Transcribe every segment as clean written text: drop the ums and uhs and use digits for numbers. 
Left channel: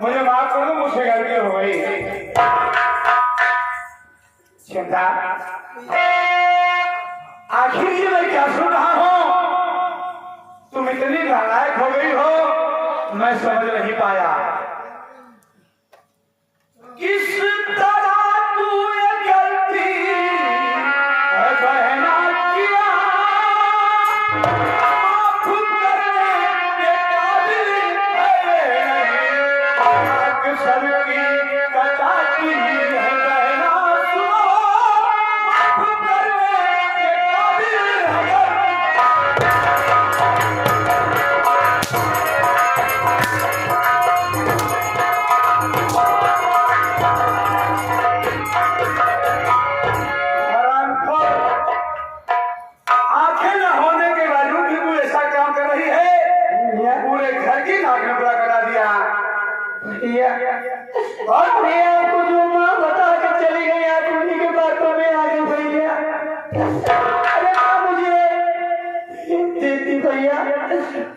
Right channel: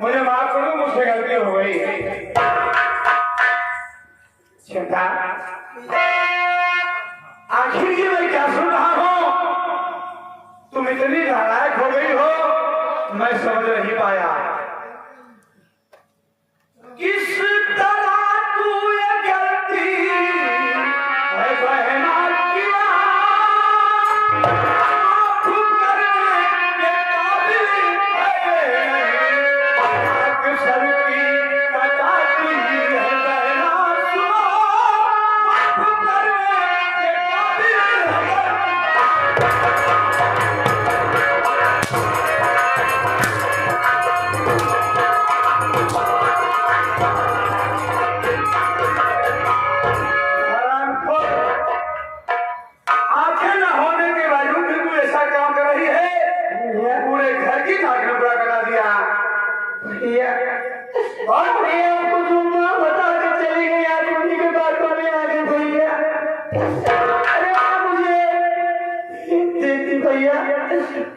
मुझे माफ कर दो, मुझसे गलती हो गई। चिंता आखिर ये मैं क्या सुन रहा हूं? तुम इतनी नालायक हो गई हो, मैं समझ नहीं पाया। किस तरह तू ये गलती है बहना किया, खुद करने के काबिल है, अक्सर की बताती है बहना, सुनो खुद करने के काबिल है। आंखें न होने के बावजूद भी तू ऐसा काम कर रही है, पूरे घर की नाक नुकरा करा दिया। भैया और भैया आपको जो माँ बता के चली गई, आप उन्हीं के बातों में आ गई भैया। अरे माँ मुझे देती भैया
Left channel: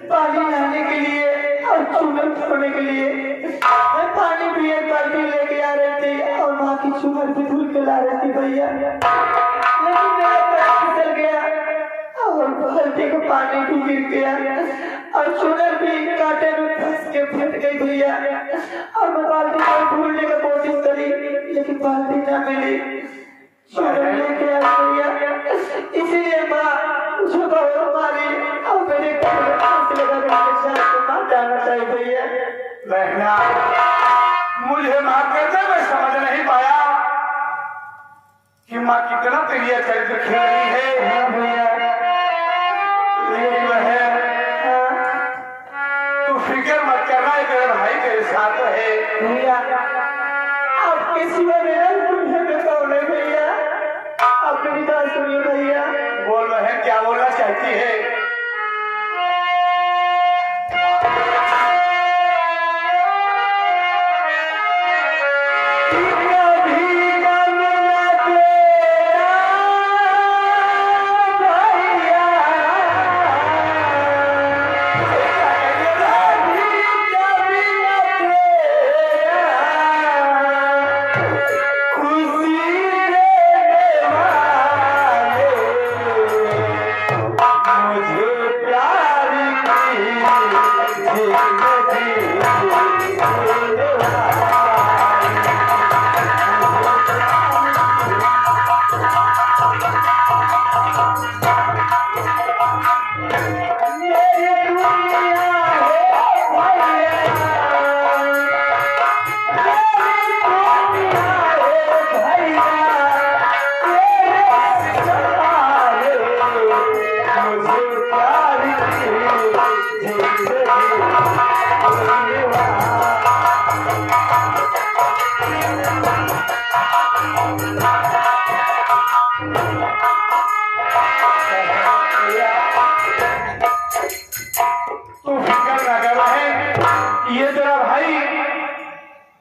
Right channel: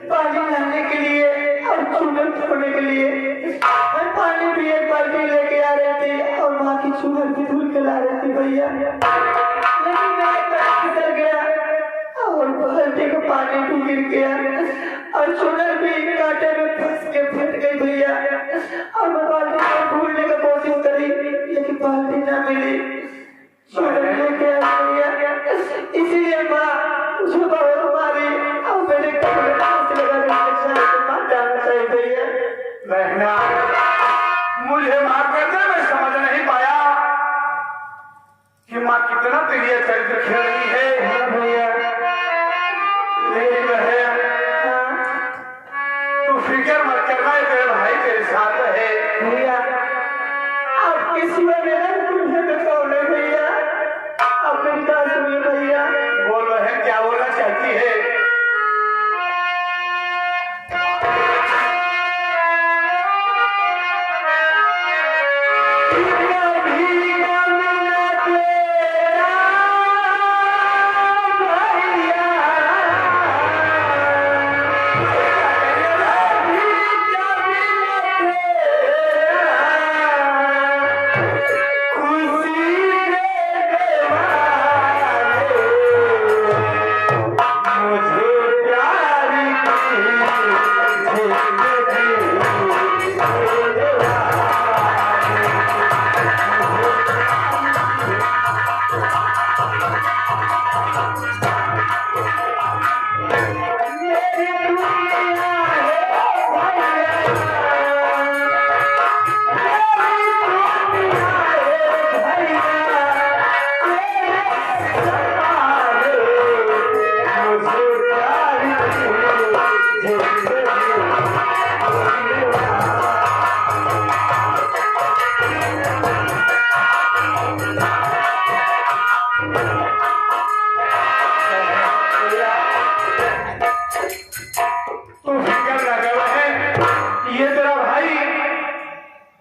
पानी लाने के लिए और चूल्हे धोने के लिए। मैं पानी भी एक बाल्टी लेके आ रही थी और माँ की चूल्हे भी धुल के ला रही थी भैया, लेकिन मेरा पैर फिसल गया और बाल्टी का पानी भी गिर गया और चूल्हे भी कांटे में फंस के फट गई भैया। और मैं बाल्टी को ढूंढने की कोशिश करी, लेकिन बाल्टी ना मिली। चूल्हे लेके आ भैया, इसीलिए माँ मुझे बहुत मारी और मेरे घर में फांसी लगा के मार डालना चाहिए भैया। बहना मुझे माफ करना, मैं समझ नहीं पाया कि माँ कितना तेरी चरित्र खेल रही है। हाँ भैया, लेकिन है तू फिक्र मत करना, तेरे भाई तेरे साथ है भैया। आप किसी वजह तुझे बताओ नहीं भैया, आप मेरी बात सुनिए भैया। बोल रहे क्या बोलना चाहती है?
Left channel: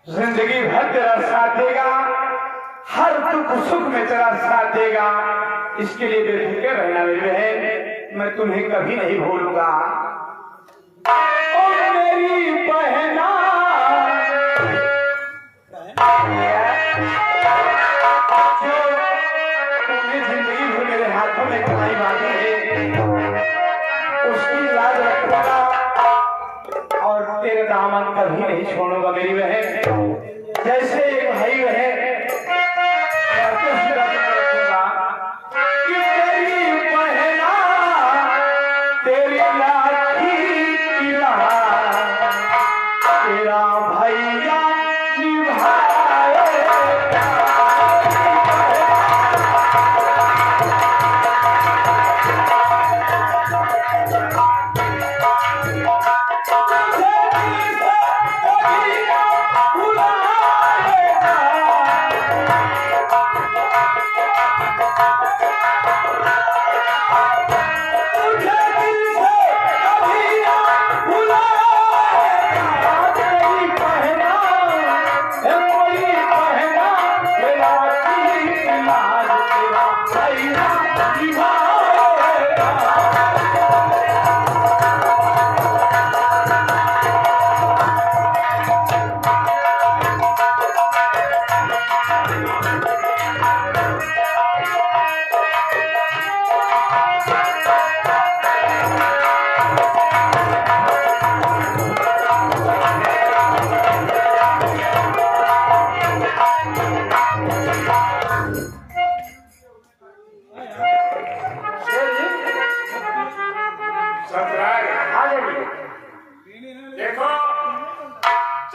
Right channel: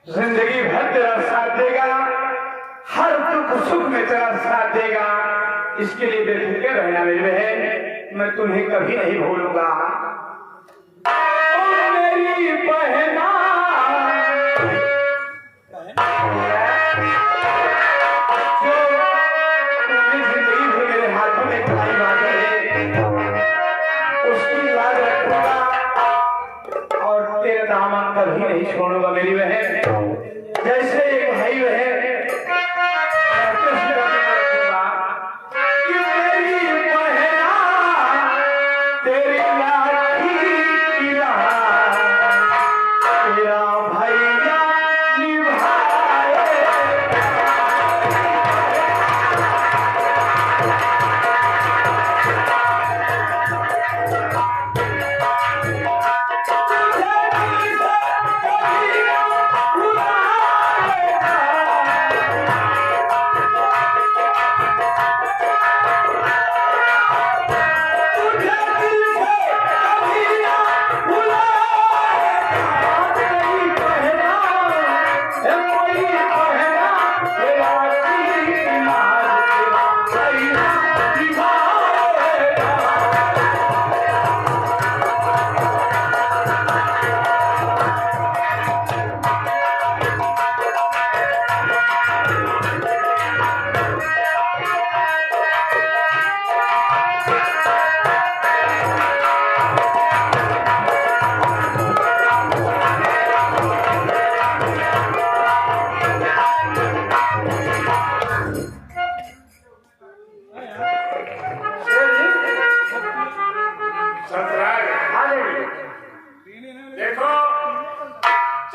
जिंदगी भर तेरा साथ देगा, हर दुख सुख में तेरा साथ देगा। इसके लिए बेफिक्र रहना मेरी बहन, मैं तुम्हें कभी नहीं भूलूंगा। और मेरी बहना जो तुमने जिंदगी भर मेरे हाथों में कमाई बांधी है, उसकी याद रखूंगा और तेरे दामन कभी नहीं छोड़ूंगा मेरी बहन। जैसे एक भाई बहन कि मेरी बहना तेरी लाठी की राह तेरा भैया निभाए।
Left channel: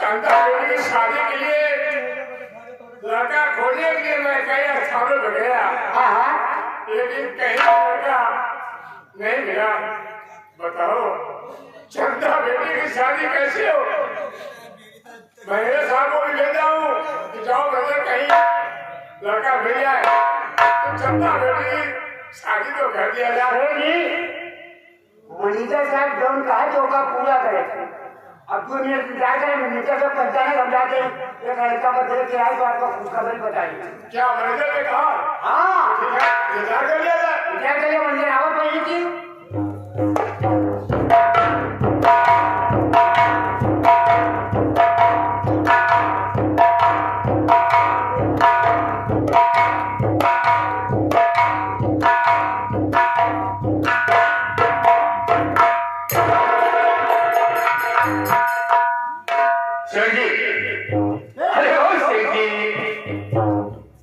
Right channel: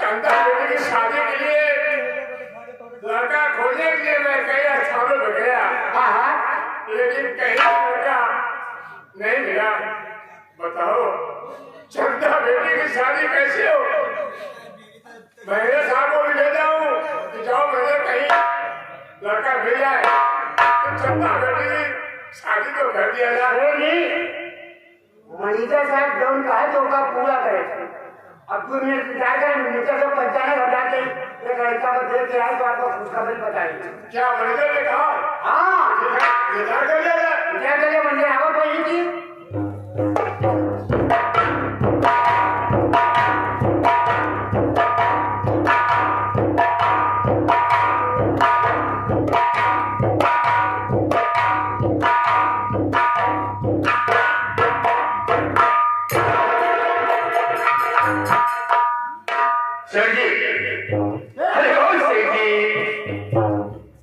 चंदा बेटी की शादी के लिए लड़का खोजने के लिए मैं कई स्थानों पर गया, लेकिन कहीं लड़का नहीं मिला। बताओ चंदा बेटी की शादी कैसे हो? मैंने साहब को भी भेजा हूँ कि जाओ मैंने कहीं लड़का मिल जाए तो चंदा बेटी की शादी तो कर दिया जाए। मनीषा साहब जो उनका है तो उसका पूरा करे। अब तू मेरे जाकर मनीषा को पहचाने घबराते एक लड़का को देख के आए तो आपको खुशखबरी बताइए। क्या मनीषा ने कहा? हाँ विचार कर लिया जाए। विचार करिए मंदिर आवत रही थी। सेठ जी, अरे ओ सेठ जी,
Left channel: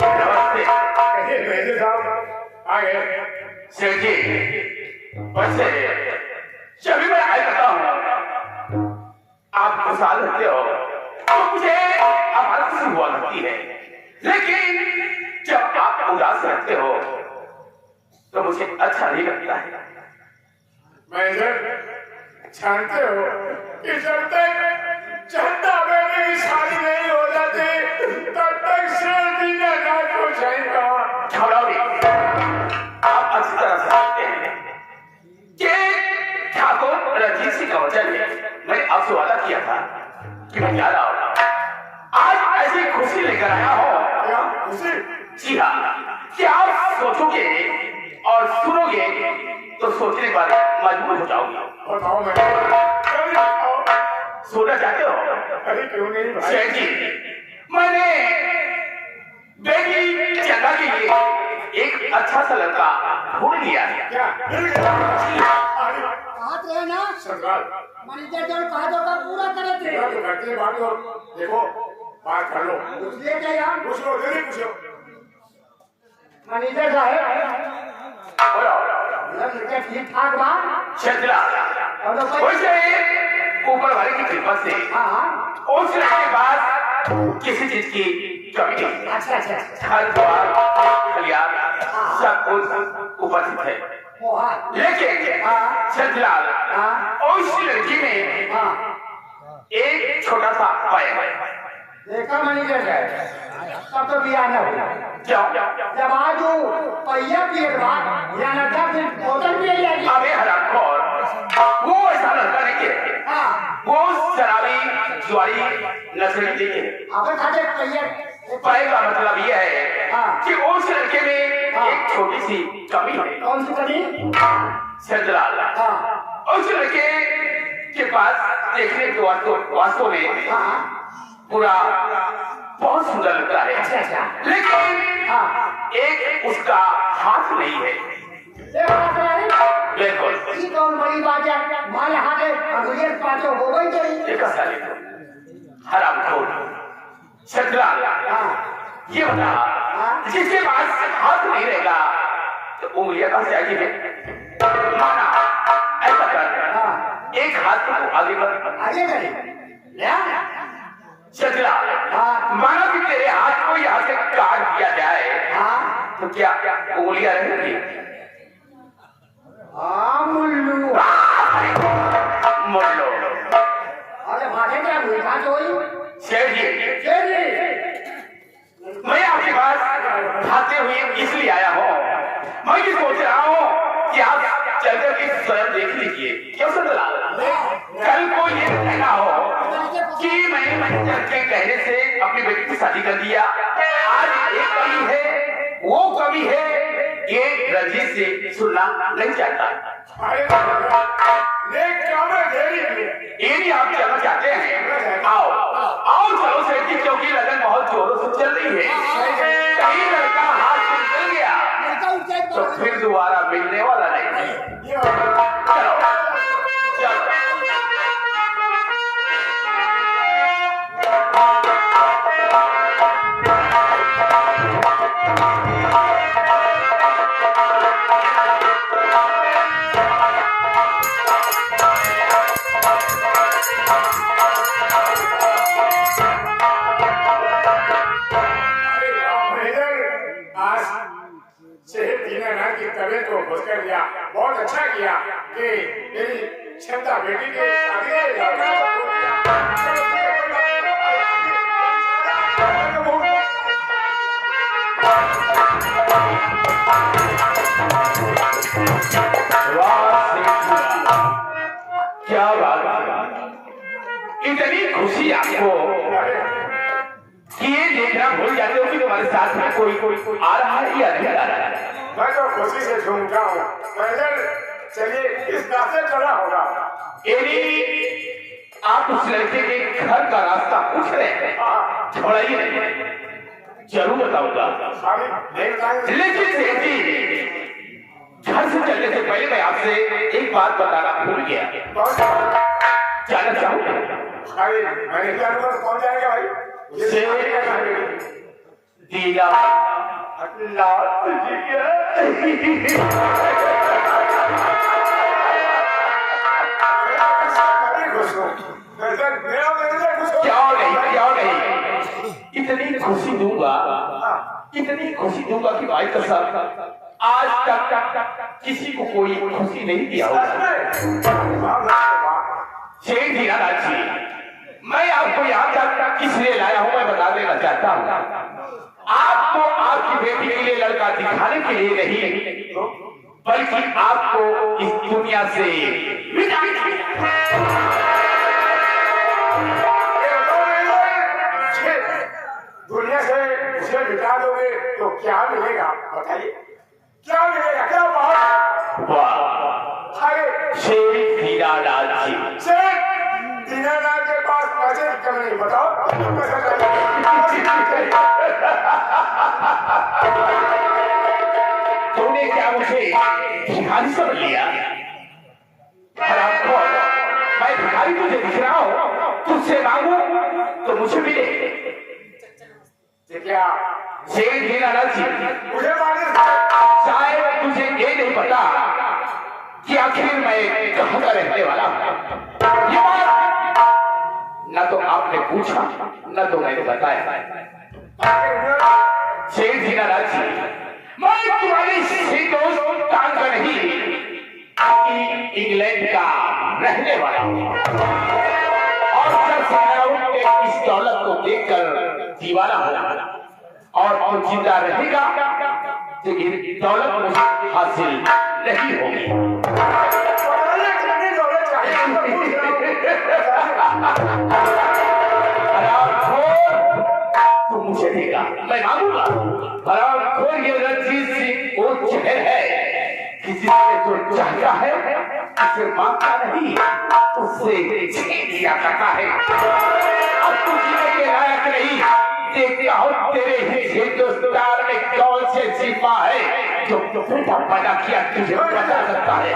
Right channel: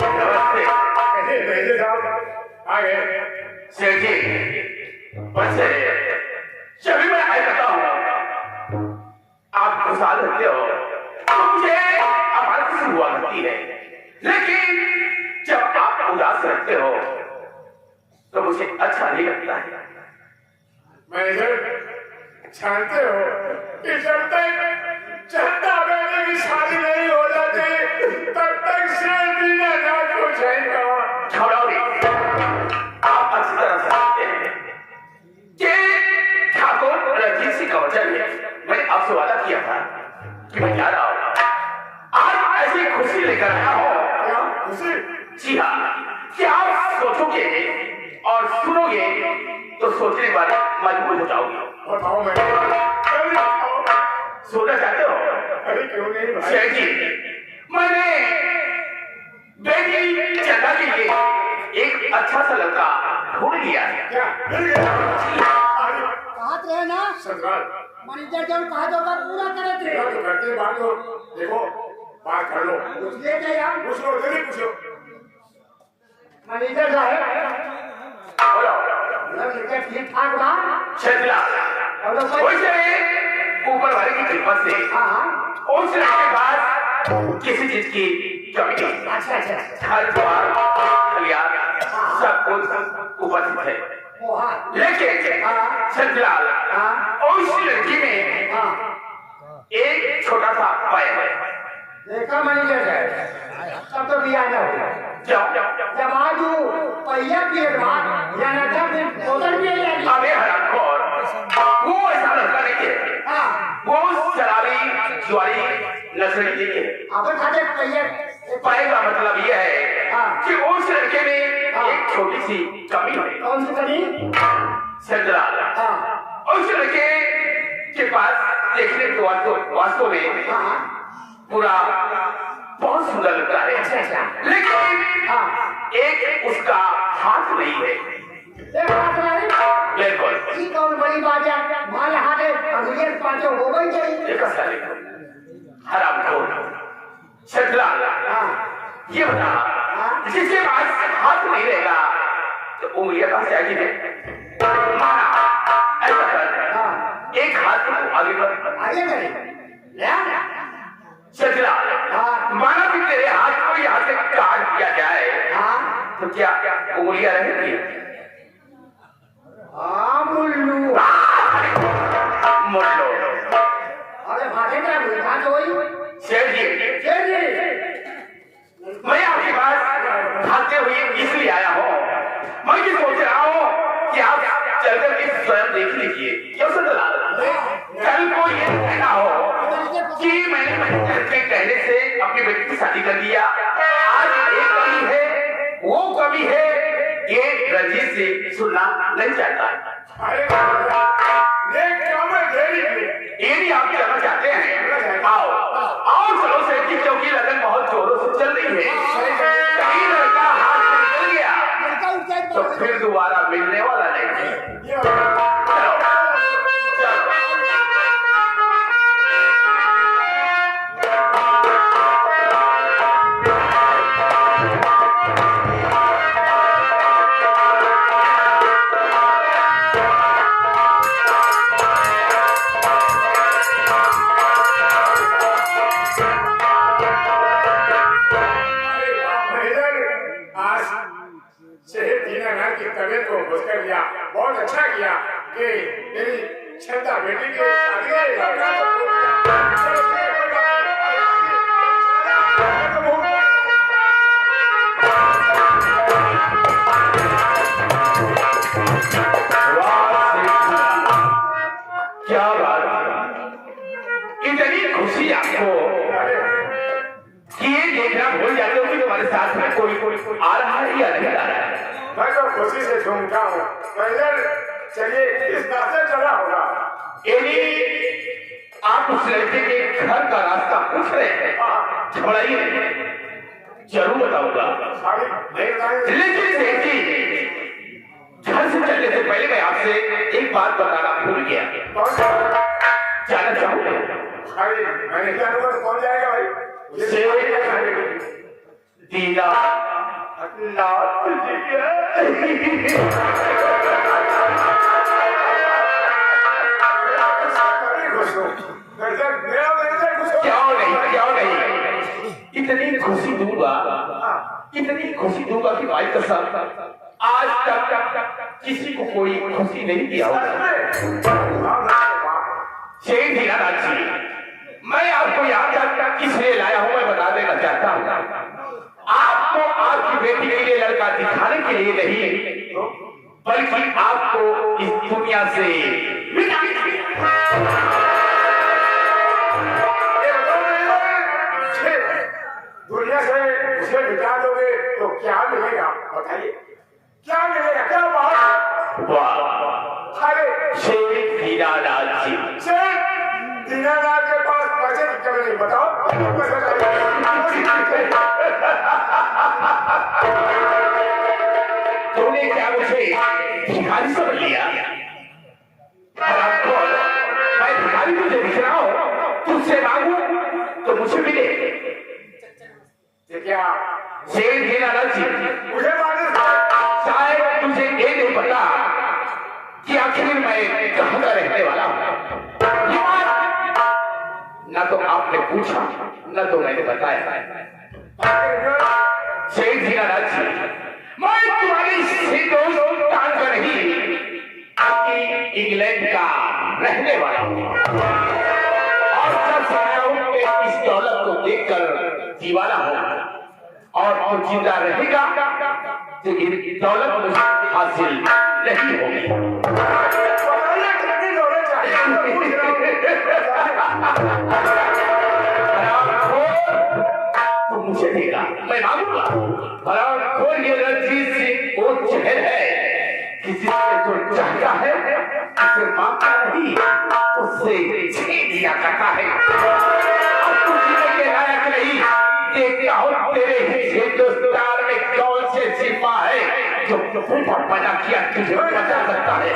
नमस्ते। कैसे साहब आ गए? सेठ जी, बस जब भी मैं आया करता हूँ आप खुशहाल रहते हो तो मुझे आभार खुशी हुआ करती है, लेकिन जब आप उदास रहते हो तो मुझे अच्छा नहीं लगता है। मैनेजर जानते हो कि जब तक चंदा बेटी की शादी नहीं हो जाती तब तक शेर जीना जात को जाएगा। छोड़ोगे आप अच्छी तरह से जानते हैं कि ठाकुर रंजीत सिंह का वचन है। मैंने आपसे वादा किया था कि मैं जा रहा हूँ, आज ऐसी खुशी लेकर आया हूँ। क्या खुशी? जी हाँ, कि आप सोचोगे और सुनोगे तो सोचने के बाद मजबूर हो जाओगे। बताओ सोना चाहते हो? अरे क्यों नहीं भाई? सेठ जी, मैंने बेटी चंदा के लिए एक अच्छा सा लड़का ढूंढ लिया है। क्या मिल गया? अरे कहा रहे ना सरदार मनीषा जो कहा तो का पूरा करत मेरा रहे। तो करते बात हो। देखो बात कर लो। कुछ ले गए हम पूछो जल्दी पूछो। मनीषा साहब बोलो, लड़का ठीक ठाक बा चंद्रा, और तो भाई वैसे ऊपर वाले की कृपा से हाँ उस के बाद किसी चीज की कमी नहीं। अच्छा अच्छा घर द्वार खलियान सब कुछ उपस्थित है, वो हाँ लेकिन हाँ चंद्रा हाँ उस लड़की में हाँ एक छोटा सा पाया है। देखा मनीषा साहब तब तो बिया न हो जब आज वो पहिया पिए बाद या ना फिर बोतल पिए जाएगी। अबे हरामखोर, वो ऐसा लड़का नहीं है, हाँ वो शराबी जुआरी नस्ल के है। अब खाते पहिया पाए का मतलब यह है हाँ। कि उस लड़के में हाँ। एक छोटी सी कमी है। कौन सी कमी? चंद्रा, हाँ उस लड़के के पास देखने को वास्तव में हाँ पूरा बहुत सुंदर लगता है, अच्छा अच्छा लेकिन हाँ एक उसका हाथ नहीं है। देखा नहीं बिल्कुल ये कौन बड़ी बात है? माने हाथे अंग्रेज पाँचों हो गई गई। एक साले को हरामखोर चंद्रा, हाँ ये बता जिसके पास हाथ नहीं रहेगा तो उंगलियां कहां से आएगी? माना ऐसा कर, हाँ एक हाथ को आगे कर। आगे करें चंद्रा, हाँ माना कि तेरे हाथ को यहाँ से काट दिया जाए हाँ तो क्या उंगलियां रहेंगी? हाँ मुल्लू मोटो अरे माथे का मीठा तो वही शेर जी, मैं आपके पास खाते हुए इसलिए आया हूँ। मैं ये सोच रहा हूँ कि आप चलकर के स्वयं देख लीजिए। क्यों सदलाल, कल को ये कहना हो कि मैंने मंजर के कहने से अपनी बेटी की शादी कर दिया। आज एक कमी है, वो कमी है, ये रंजीत से सुनना नहीं चाहता। अरे नेक काम में देरी की। ये भी आप चलना चाहते हैं? आओ आओ चलो सेठ जी, क्योंकि लगन बहुत जोरों से चल रही है। कहीं लड़का हाथ से निकल गया लड़का उठ जाए तो फिर दोबारा मिलने वाला नहीं। ये बात चलो चलो आज सेठ दीनानाथ की तबीयत को खुश कर दिया। बहुत अच्छा किया कि मेरी छंदा बेटी के क्या बात है, इतनी खुशी आपको कि ये देखना भूल जाते हो कि तुम्हारे साथ में कोई आ रहा है या नहीं आ रहा है। मैं तो खुशी से झूमता हूँ। पैदल चलिए, इस रास्ते चला होगा। यदि आप उस लड़के के घर का रास्ता पूछ रहे हैं, छोड़िए, जरूर बताऊंगा। लेकिन सेठ जी, घर से चलने से पहले मैं आपसे एक बात बताना भूल गया। जाना चाहूंगा। मैंने क्या कौन जाएगा भाई? दीना नाथ जी क्या नहीं, इतनी खुशी दूंगा कि भाई कसम आज तक किसी को कोई खुशी नहीं दिया होगा। शेख दीनानाथ जी, मैं आपको यहाँ तक किसलिए लाया हूँ मैं बता देना चाहता हूँ। आपको आपकी बेटी के लिए लड़का दिखाने के लिए नहीं, बल्कि आपको इस दुनिया से उसे मिटा दोगे तो क्या मिलेगा? बताइए, क्या मिलेगा? क्या बात? वाह, शेख दीनानाथ जी, दीनानाथ के पास पैसे दिक्कत नहीं। बताओ तुमने क्या मुझे भिखारी समझ लिया? मैं भिखारी तुझे दिख रहा हूँ, तुझसे मांगू तो मुझे मिले। क्या शेख दीनानाथ जी, मुझे माने शायद तुझे ये नहीं पता कि आखिर मैं कहाँ का रहने वाला हूँ। ये बात न तो आपने पूछा न तो मैंने बताया। शेख दीनानाथ जी, मैं तुम्हारे हिंदुस्तान का नहीं, इंग्लैंड का रहने वाला हूँ। और सब साराओं के इस दौलत को देखकर दीवाना हो और जिंदा रहेगा तो ये दौलत मुझे हासिल नहीं होगी। तो मुझे देगा, मैं मांगूंगा। हरामखोर ये रणजीत सिंह वो जहर है, किसी से जो चाहता है उसे मांगता नहीं, उससे छीन लिया करता है। अब तुझे के लायक नहीं, देखता हूँ तेरे हिंदुस्तान में कौन से सिपा है जो बेटा पैदा किया तुझे बता सकता है।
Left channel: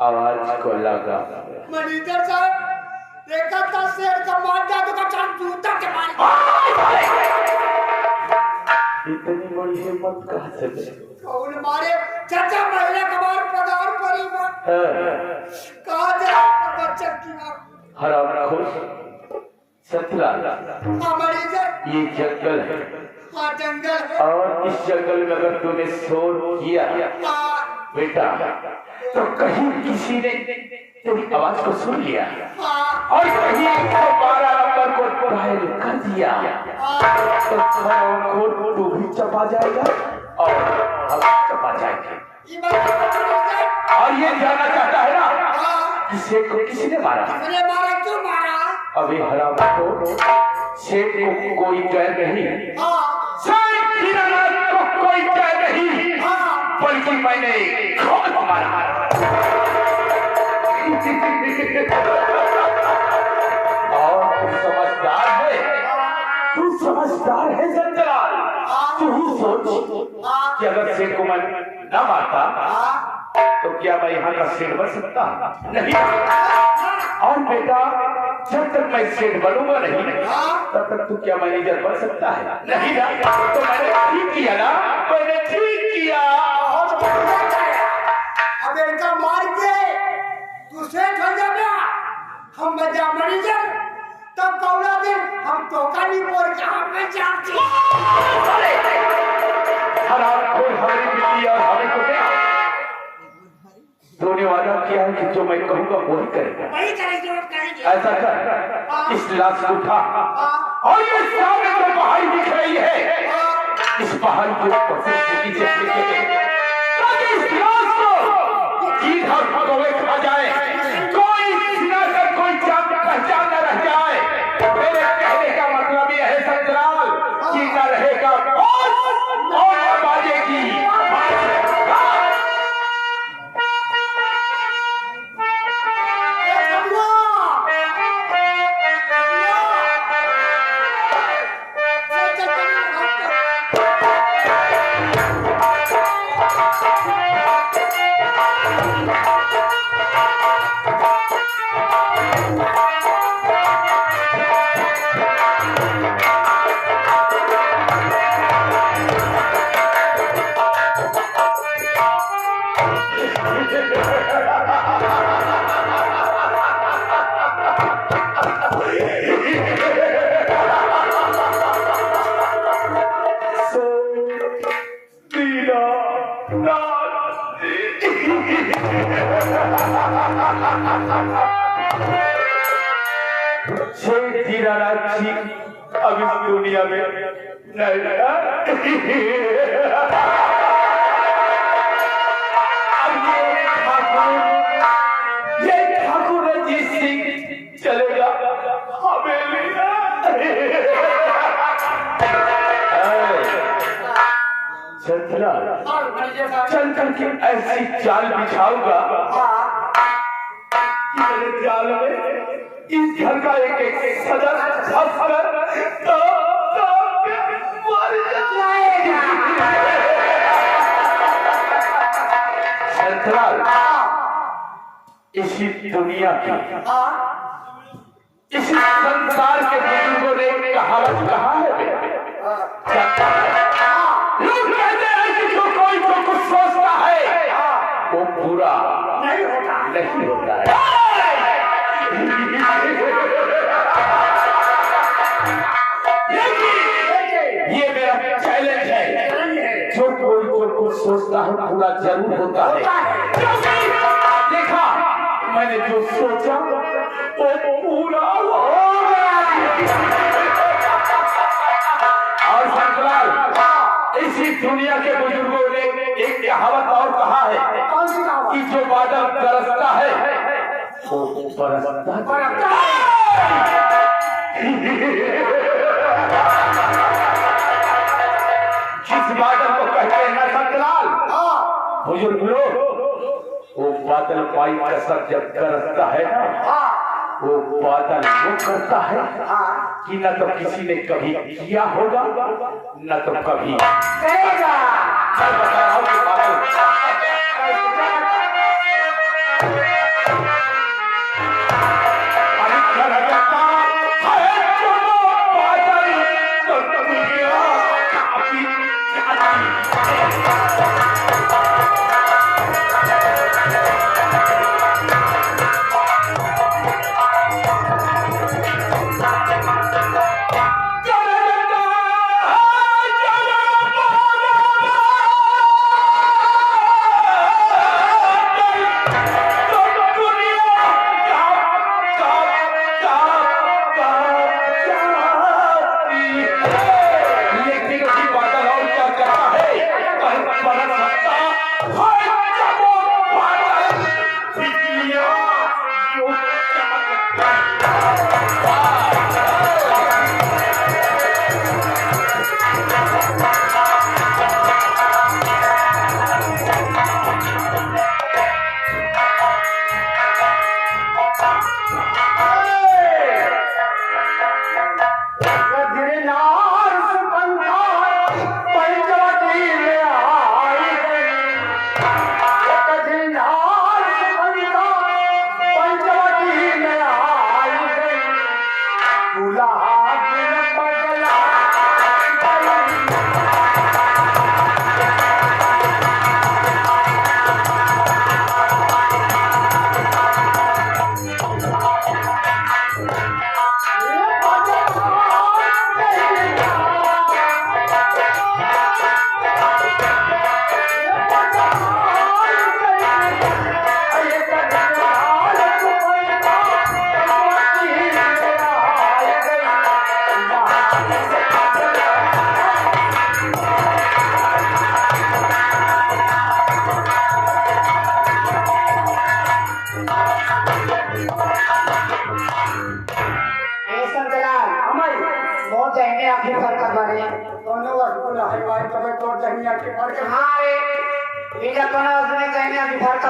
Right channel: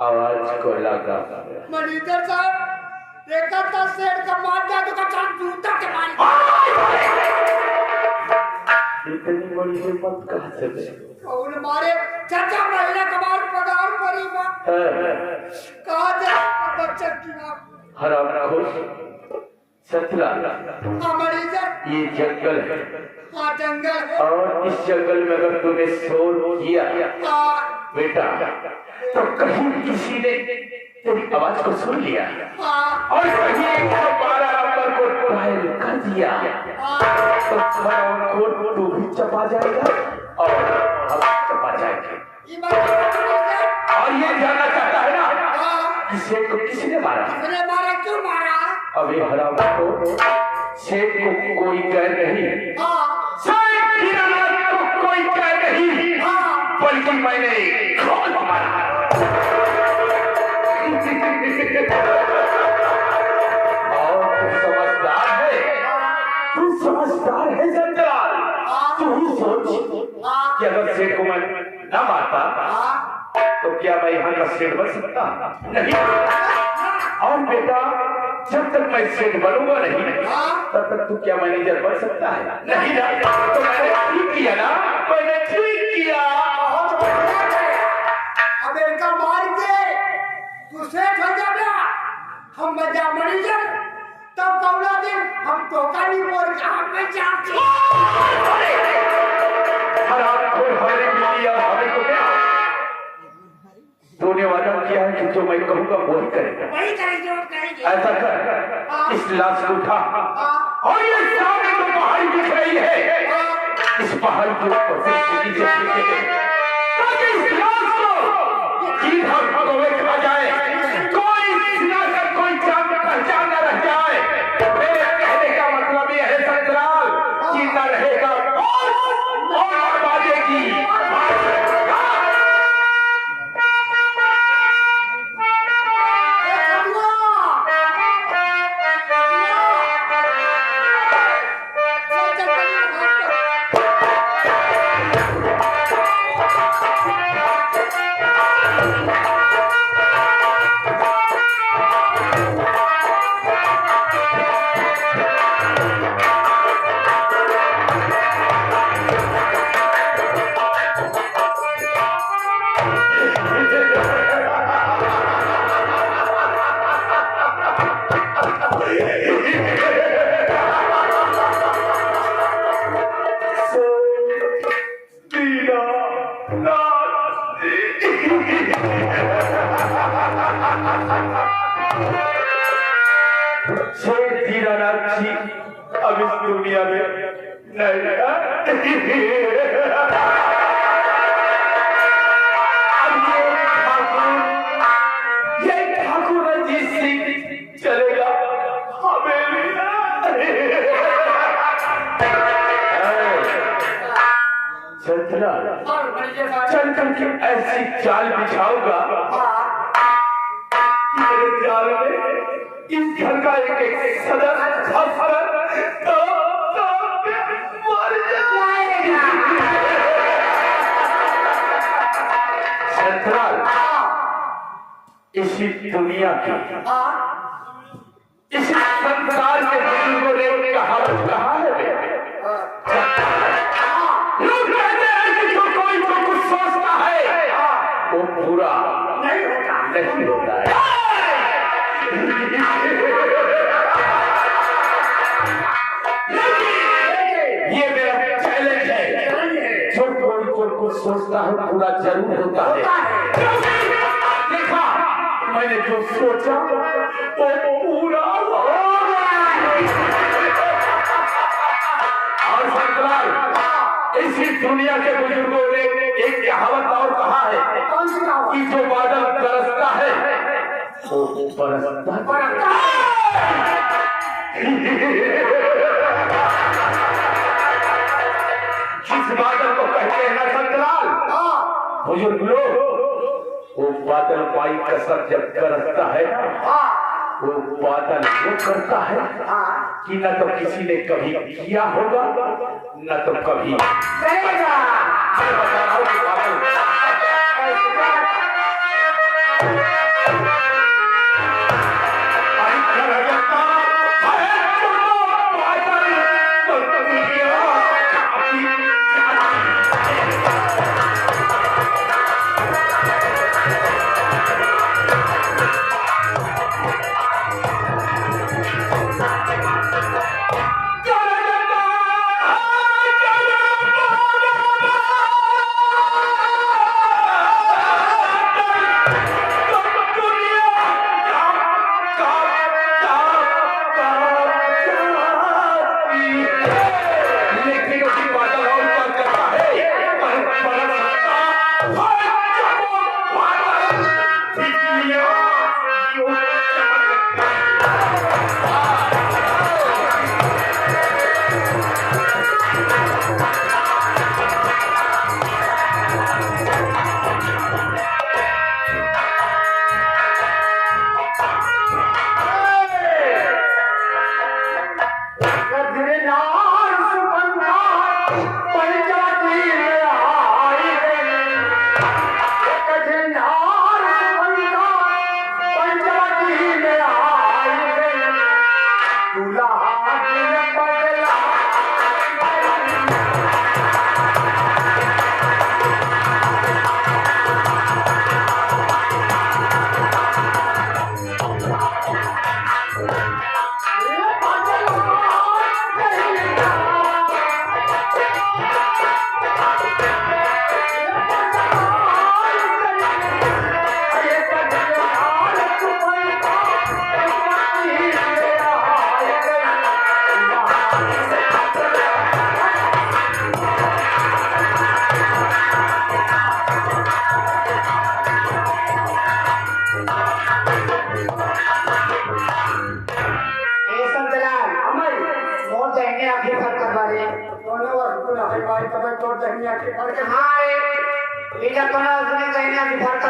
आवाज को लगा मैनेजर साहब एक सेठ का मार दिया तो का जूता के मार इतनी बड़ी हिम्मत कहाँ से दे? कौन मारे चाचा महीने कमार पगार परी मां कहा जा बच्चे की मां हरामखोर सतरा हाँ मरीजर। ये जंगल है हाँ जंगल है। और इस जंगल में अगर तूने शोर किया हाँ बेटा तो कहीं किसी ने तेरी आवाज को सुन लिया हाँ और कहीं 112 नंबर को डायल कर दिया तो खरोखर तू भी चपा जाएगा और हम चपा जाएंगे। ये बात मरीजर। और ये जानना चाहता है ना हाँ कि सेठ को किसने मारा? मैंने मारा क्यों मारा? अभी हराम को सेठ को कोई कह नहीं, हाँ सेठ हीरालाल को कोई कह नहीं, हाँ बल्कि मैंने खुद मारा। और तू समझदार है जंजाल। तू ही सोच कि अगर सेठ को मैं न मारता तो क्या मैं यहाँ का सेठ बन सकता? नहीं। और बेटा जब तक मैं सेठ बनूंगा नहीं तब तक तू क्या मैनेजर बन सकता है? नहीं ना। तो मैंने ठीक किया ना, मैंने ठीक किया। अब इनका मार के तू सेठ हो जाना, हम बजा मरीजर, तब कौना दिन हम तो का नहीं बोल के हम में जाते। हराम खोर हमें किया, हमें को क्या तूने वादा किया है कि जो मैं कहूँगा वही करेगा। वही करेंगे और करेंगे। ऐसा कर, इस लाश को उठा और ये सामने जो पहाड़ी दिख रही है इस पहाड़ी के ऊपर से नीचे ताकि इस लाश को किधर भगोए खा जाए, कोई सिरा से कोई जान पहचान न रह जाए। मेरे कहने का मतलब ये है संतराल कि न रहेगा और बाजेगी। अब इस दुनिया में नहीं रहा। ये ठाकुर रंजीत सिंह चलेगा हवेली। चंद्रा चल करके ऐसी चाल बिछाऊंगा कि मेरे जाल में इस घर का एक एक सदस्य फंस कर मर जाएगा। संतराल इसी दुनिया की इसी संसार के बुजुर्गों ने कहावत कहा है, लोग कहते हैं कि जो कोई जो कुछ सोचता है वो पूरा नहीं होता है। ये मेरा चैलेंज है, जो कोई जो कुछ सोचता है पूरा जरूर होता है। देखा मैंने जो सोचा वो पूरा हो गया। और संतराल इसी दुनिया के बुजुर्गों ने एक कहावत और कहा है कि जो बादल बरसता है वो बरसता जिस बादल को कहते हैं ना संतराल बुजुर्ग लोग, वो बादल पाई कसर जब बरसता है ना वो बादल वो करता है कि न तो किसी ने कभी किया होगा न तो कभी करेगा। मैं बता रहा हूँ कि बादल गिरनार सुगंधा पंचवटी में आई गई गिरनार सुगंधा पंचवटी में आई गई दुल्हा दिल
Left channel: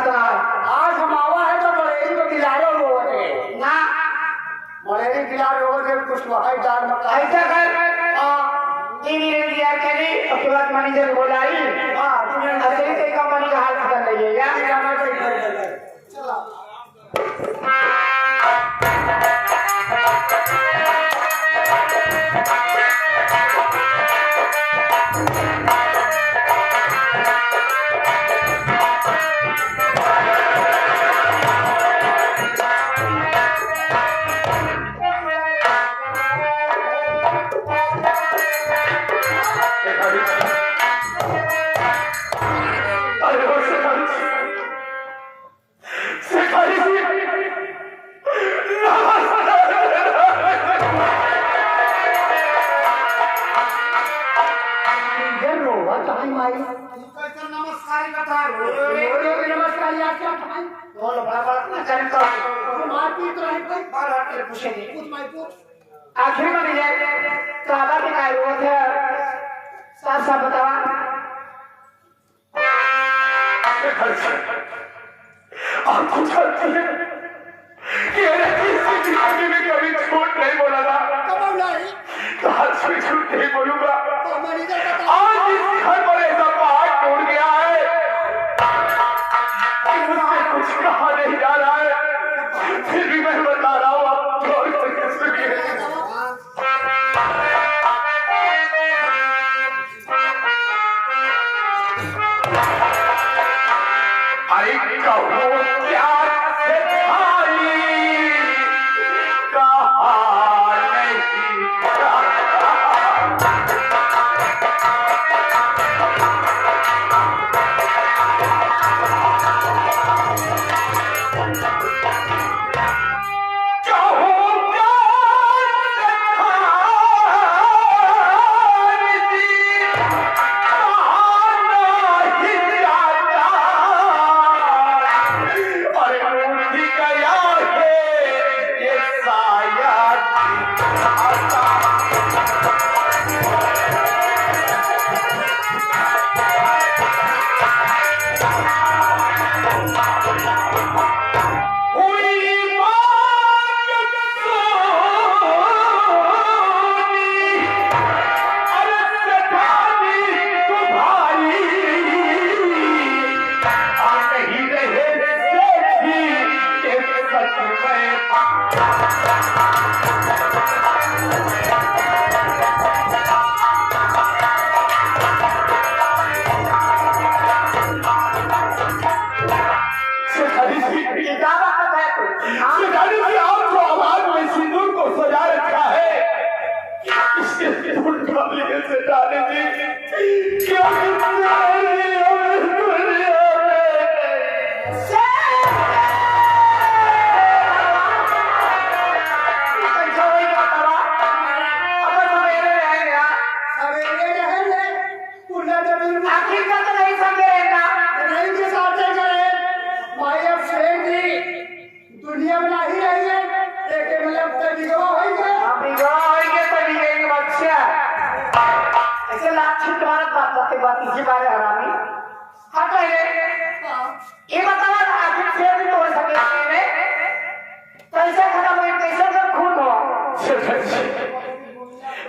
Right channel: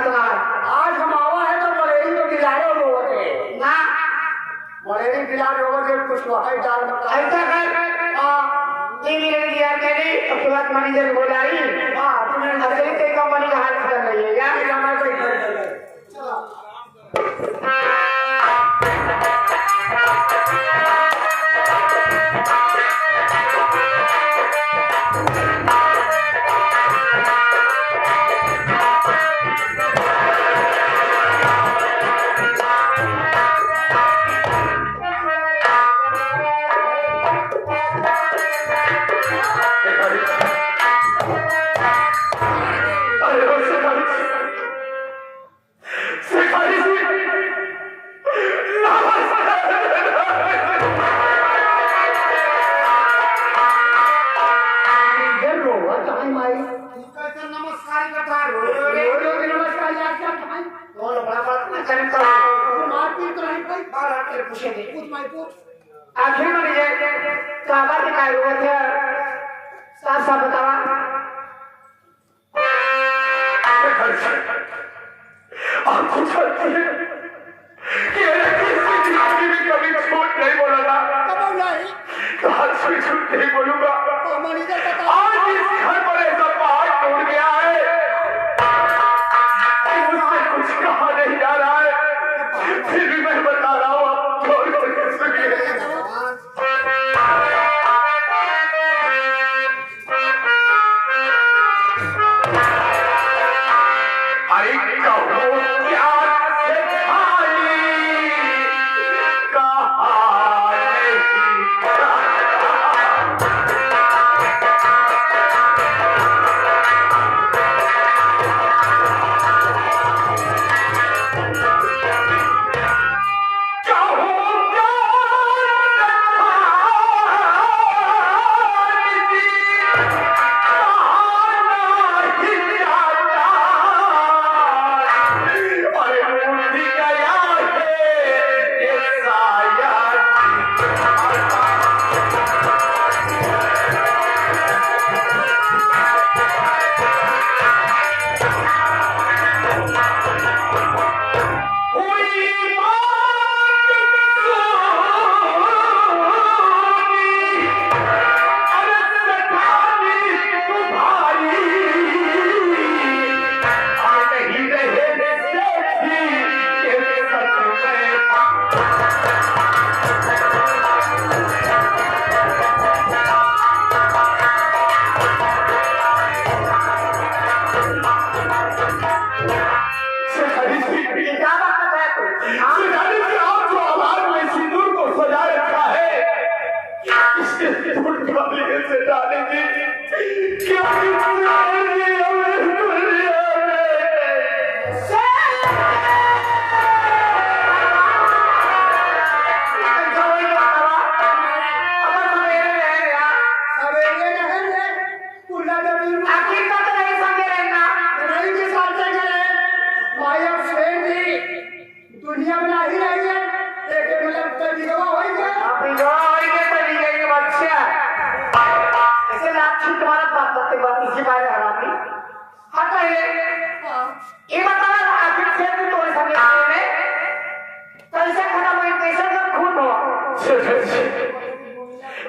बदला आज हम आवा है तो मलेरी को गिलारे होगे ना मलेरी गिलारे होगे कुछ लोहाई डाल मत ऐसा कर हां टीवी ने दिया तेरी तुरंत मैनेजर बोलाई हां तूने असली से कंपनी का हाल कर लीजिएगा चलो आखिर में जाए तो आबाद में काय हुआ थे साफ साफ बतावा आपको जानती है कि जिंदगी में कभी झूठ नहीं बोला था कब नहीं आज से झूठ नहीं बोलूंगा तो मैनेजर बता आज इस घर पर ऐसा पहाड़ टूट गया है कि मुझसे कुछ कहा नहीं जा रहा है फिर भी मैं बता रहा हूँ आप गौर करके सुनिए अरे कहो क्या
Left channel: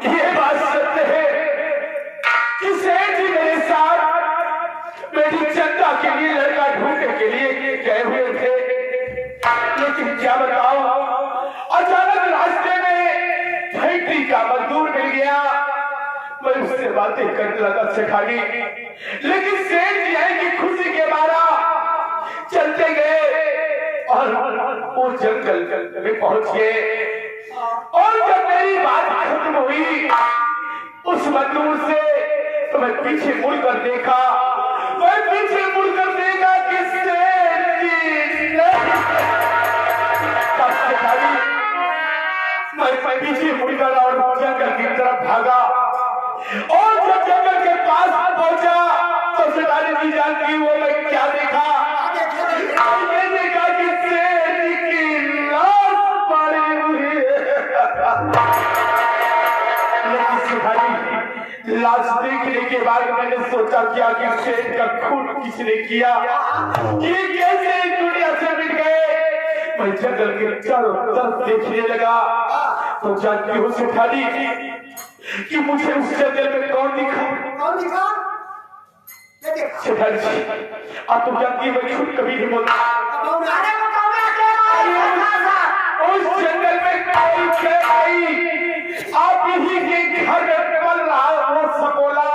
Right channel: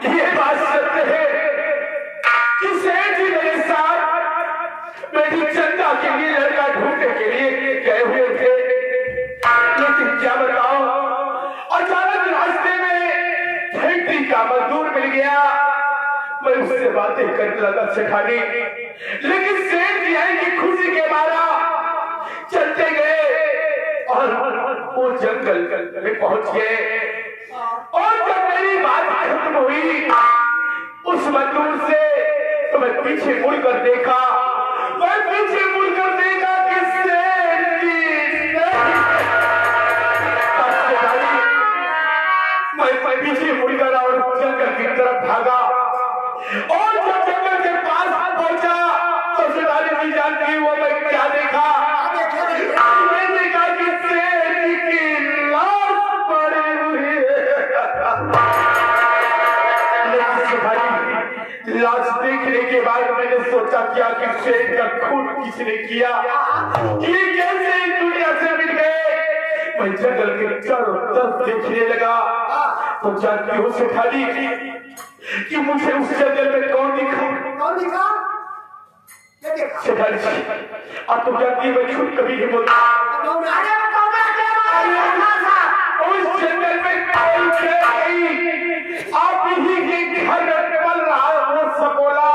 ये बात सत्य है कि सेठ जी मेरे साथ मेरी चंदा के लिए लड़का ढूंढने के लिए गए हुए थे, लेकिन क्या बताओ, अचानक रास्ते में फैक्ट्री का मजदूर मिल गया। मैं उससे बातें करने लगा सेठानी, लेकिन सेठ जी है कि खुशी के मारा चलते गए और वो जंगल में पहुंच गए। और जब मेरी बात खत्म हुई उस मजदूर से, तो मैं पीछे मुड़कर देखा, कि सेठ जी मैं पीछे मुड़कर और जंगल की तरफ भागा। और जब जंगल के पास पहुंचा तो सेठानी जी जानती वो मैं क्या देखा? मैं देखा कि सेठ जी की लाश पड़ी हुई है। लेकिन सेठानी, लाश देखने के बाद मैंने सोचा क्या कि सेठ का खून किसने किया, ये कैसे इस दुनिया से मिल गए। मैं जंगल के चारों तरफ देखने लगा तो जानती हो सेठानी कि मुझे उस जंगल में कौन दिखा? कौन दिखा? क्या देखा? सेठानी जी, आप तो जानती है मैं झूठ कभी नहीं बोलता। उस जंगल में कोई नहीं, आप ही के घर में पल रहा है वो सकोला,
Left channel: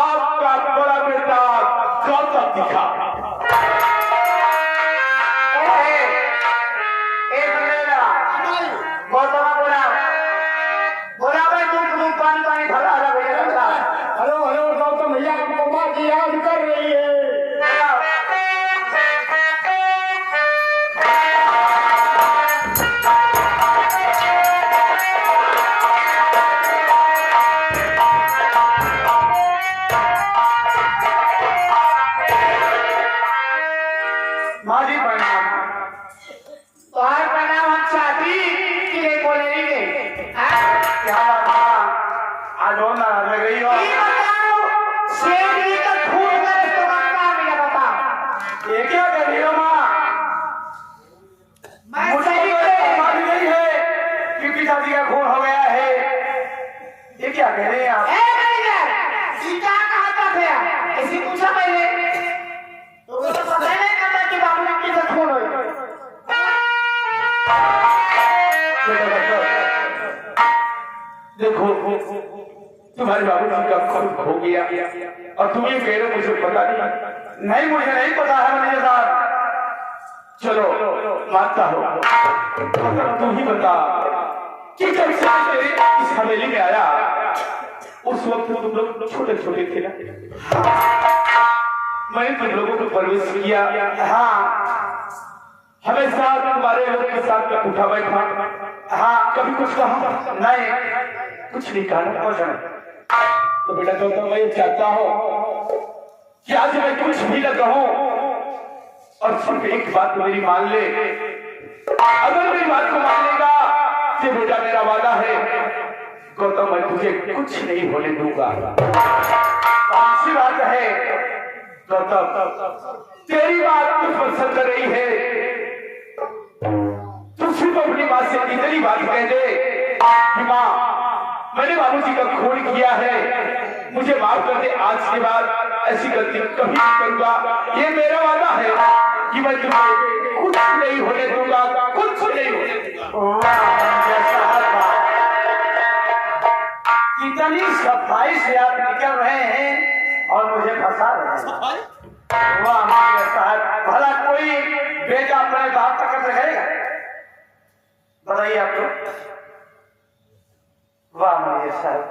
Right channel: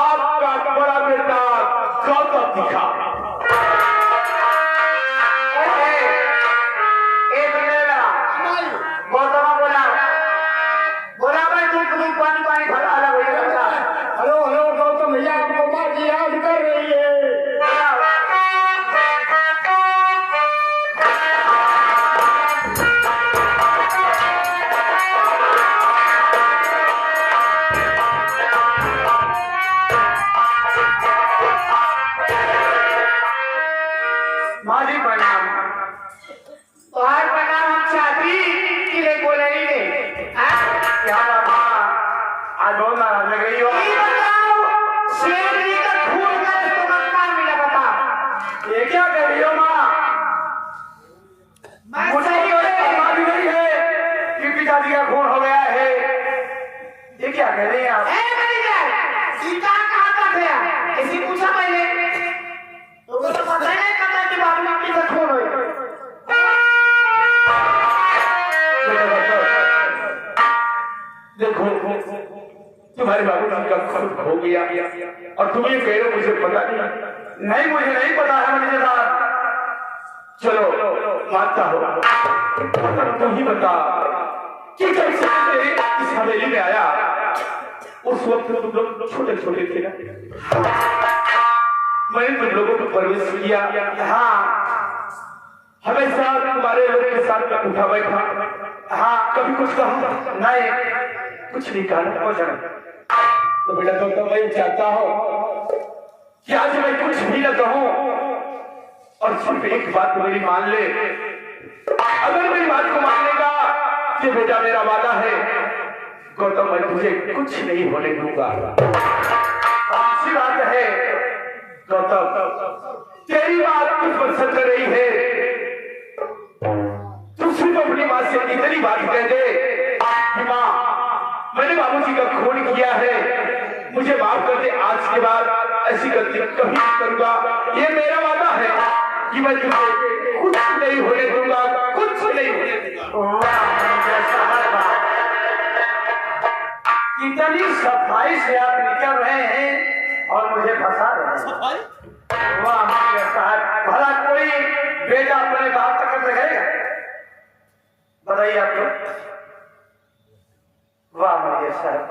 आपका बड़ा बेटा गौतम दिखा। हेलो गौतम भैया, आपको बात याद कर रही है। माँ जी प्रणाम। तुम्हारे प्रणाम हम चाहती कि रे बोले नहीं रे। क्या बात आज हो ना लग गई हो? ये बताओ, शेर जी का खून का इस्तेमाल कहाँ मिला बता? ये क्या कह रही हो माँ? मैं मुझे सही तो में पता भी नहीं है कि पिताजी का खून हो गया है। ये क्या कह रहे हैं आप? सीता कहाँ का थे? ऐसी पूछा पहले तो वो तो पता ही नहीं करता कि बाबू ने किसे खून हुई। देखो तुम्हारे बाबूजी का खून हो गया और तुम ये कह रहे हो मुझे पता नहीं। नहीं, मुझे नहीं पता है मेरे साथ। चलो मानता हो, तुम ही बता कि जब से मैं इस हवेली में आया उस वक्त तुम लोग छोटे छोटे थे ना, मैंने तुम लोगों को परवरिश किया। हाँ, हमेशा तुम्हारे लोगों के साथ में उठा बैठा। हाँ, कभी कुछ कहा नहीं, कुछ नहीं कहा, कुछ नहीं। तो बेटा तो मैं चाहता हूँ कि आज मैं कुछ भी न कहूँ और सिर्फ एक बात मेरी मान ले। अगर मेरी बात को मान लेगा तो बेटा मेरा वादा है गौतम मैं तुझे कुछ नहीं होने दूंगा। अच्छी बात है गौतम, तेरी बात मुझ पर सच कर रही है। तू सिर्फ अपनी बात से इतनी बात कह दे कि माँ मैंने बाबूजी का खून किया है, मुझे माफ कर दे, आज के बाद ऐसी गलती कभी नहीं करूंगा। ये मेरा वादा है कि मैं तुझे कुछ नहीं होने दूंगा, कुछ नहीं होने दूंगा। कितनी सफाई से आप निकल रहे हैं और मुझे फंसा रहे हैं। वाह मेरे साहब, भला कोई बेटा अपने बाप तक रहेगा? बताइए आप लोग। वाह मेरे साहब,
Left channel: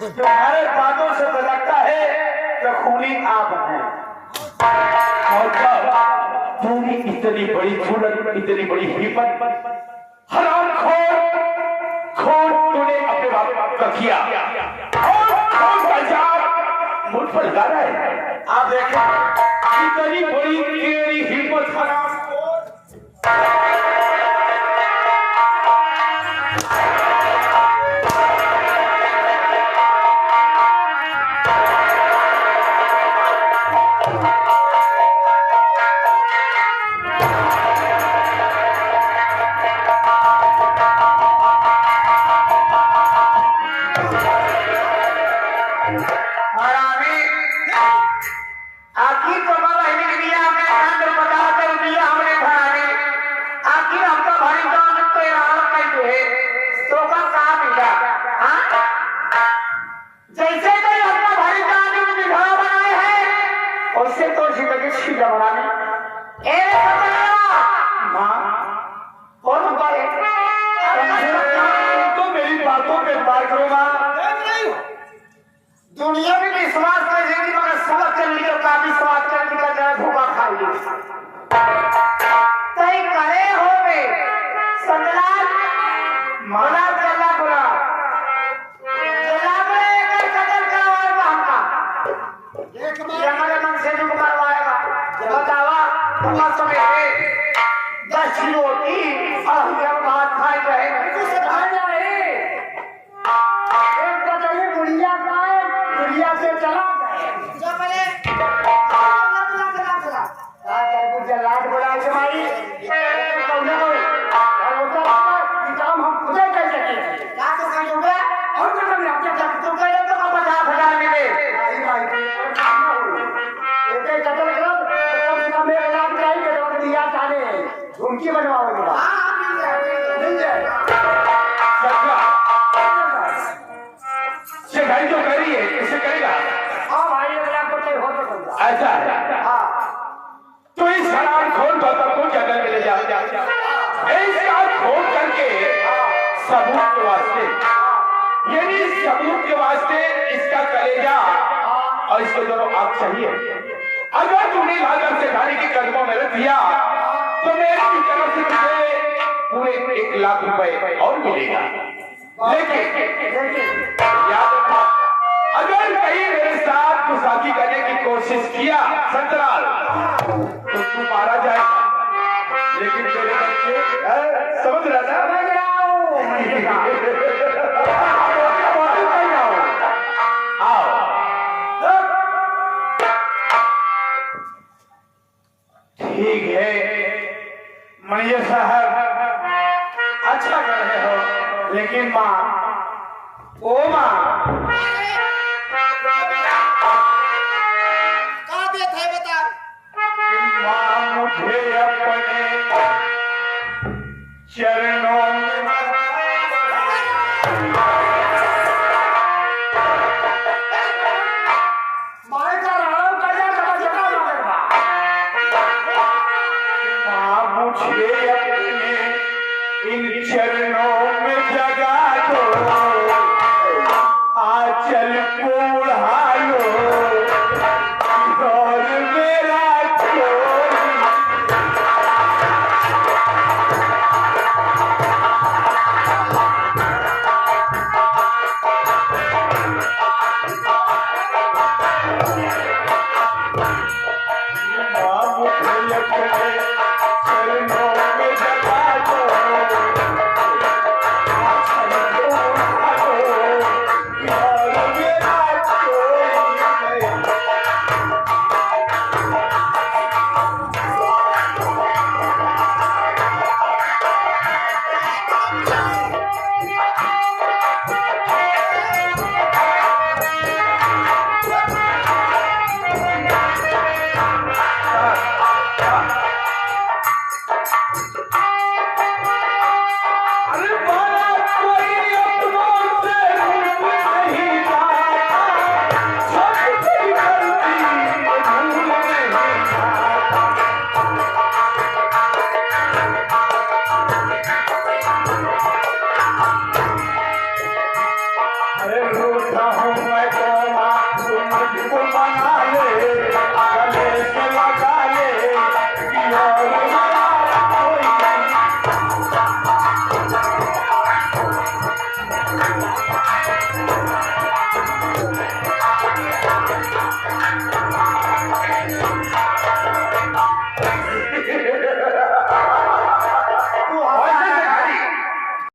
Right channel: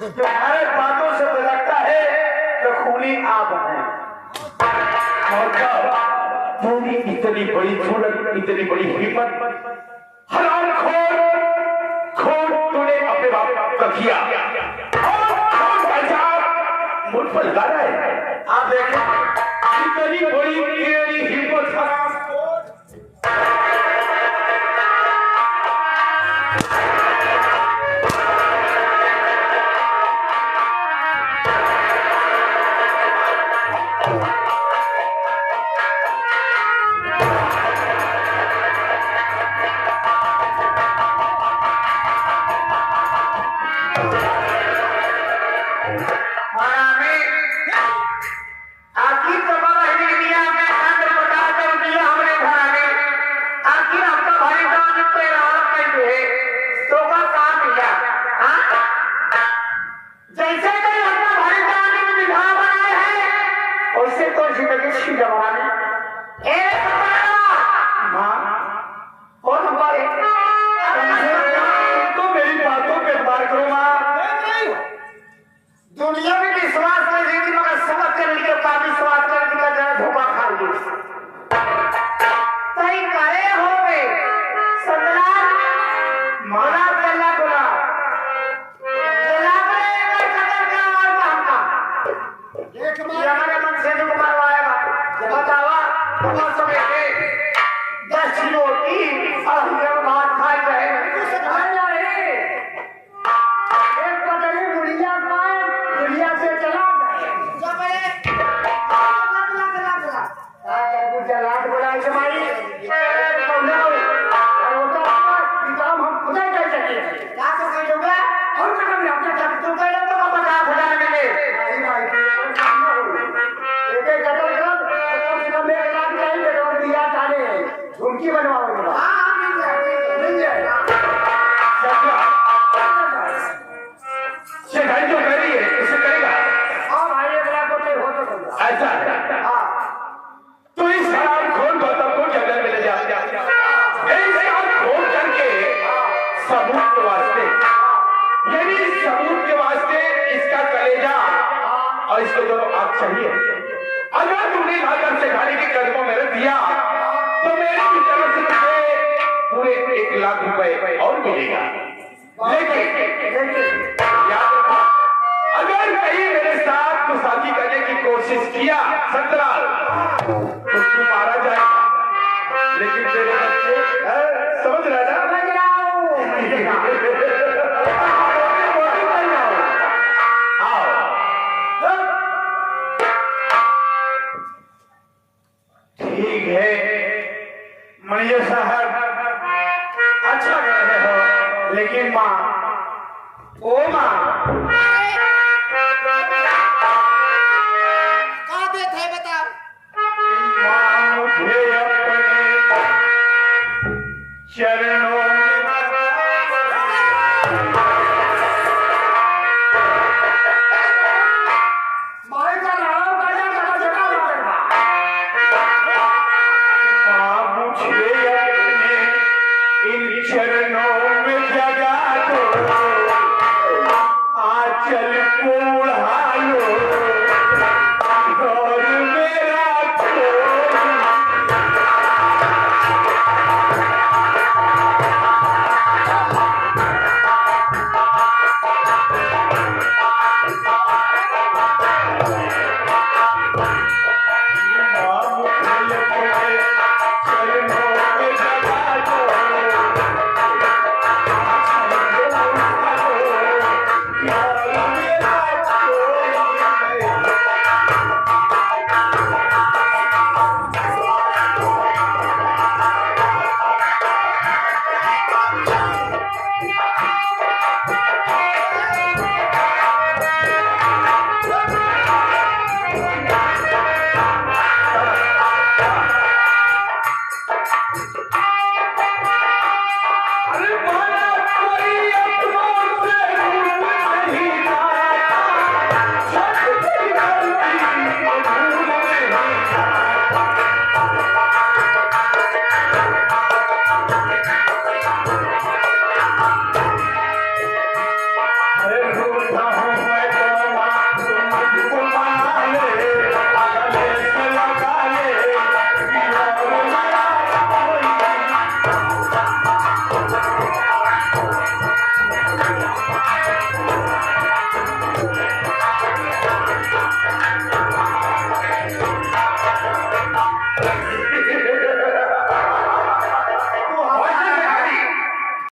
तुम्हारे बातों से तो लगता है कि खूनी आप हैं। तूने इतनी बड़ी जरूरत, इतनी बड़ी हिम्मत, हराम खोर तूने अपने बाप का किया और खून का इल्जाम मुझ पर लगा रहा है। आप देखें इतनी बड़ी तेरी हिम्मत है। हाँ? जैसे कोई अपना भाई जाने में बिघा बनाए हैं वैसे तो जिंदगी सीधा बनाने ए माँ कौन नंबर है तो मेरी बातों पे एतबार करो माँ। दुनिया में विश्वास कर रही मगर समझ कर लिखा का विश्वास कर लिखा जरा धोखा खा ली तई करे हो गए संगलाल मना चला बुला गुलाब ने एक कदर का और बांका देख मां ये हमारे मन से दुख मारवाएगा जब बतावा तुम्हारा समय पे 10 रोटी और हम भात खाए गए तू सधार ना रहे एक पटरी बुढ़िया खाए बुढ़िया से चला गए जा पड़े चला जलाट बड़ा तुम्हारी काम हम खुद ही कर सके क्या तो कर दोगे और कदम रखते तक तो कह तो 50,000 मिले नहीं भाई एक कदम कर तो मेरे लाख चाहिए तो दिया जाने झुमकी बनवाओगे हां मिल जाए सत्या से भाई जो कर रही है इसे करेगा हां भाई अगला को नहीं हो सकता ऐसा है। हां तो इस सवाल खोल गौतम को जगह मिले जा इसका खोल करके सबूत के वास्ते यानी सबूत के वास्ते इसका कलेजा और इसको दोनों आग चाहिए। अगर तुमने लाकर से खाने के कदमों में रख दिया तो मेरी तरफ से मुझे पूरे 1 लाख रुपए और मिलेगा। लेकिन याद रखना, अगर कहीं मेरे साथ गुस्ताखी करने की कोशिश किया संतराल तो तू मारा जाएगा। लेकिन तेरे बच्चे समझ रहा ना आओ ठीक है मणिया साहब अच्छा कर रहे हो लेकिन माँ ओ माँ का देत है बता माँ मुझे अपने चरणों में मारे का नाम का जगह माँ मुझे अपने इन चरणों में जगा दो आंचल को उड़ा लो और मेरा कोई अरे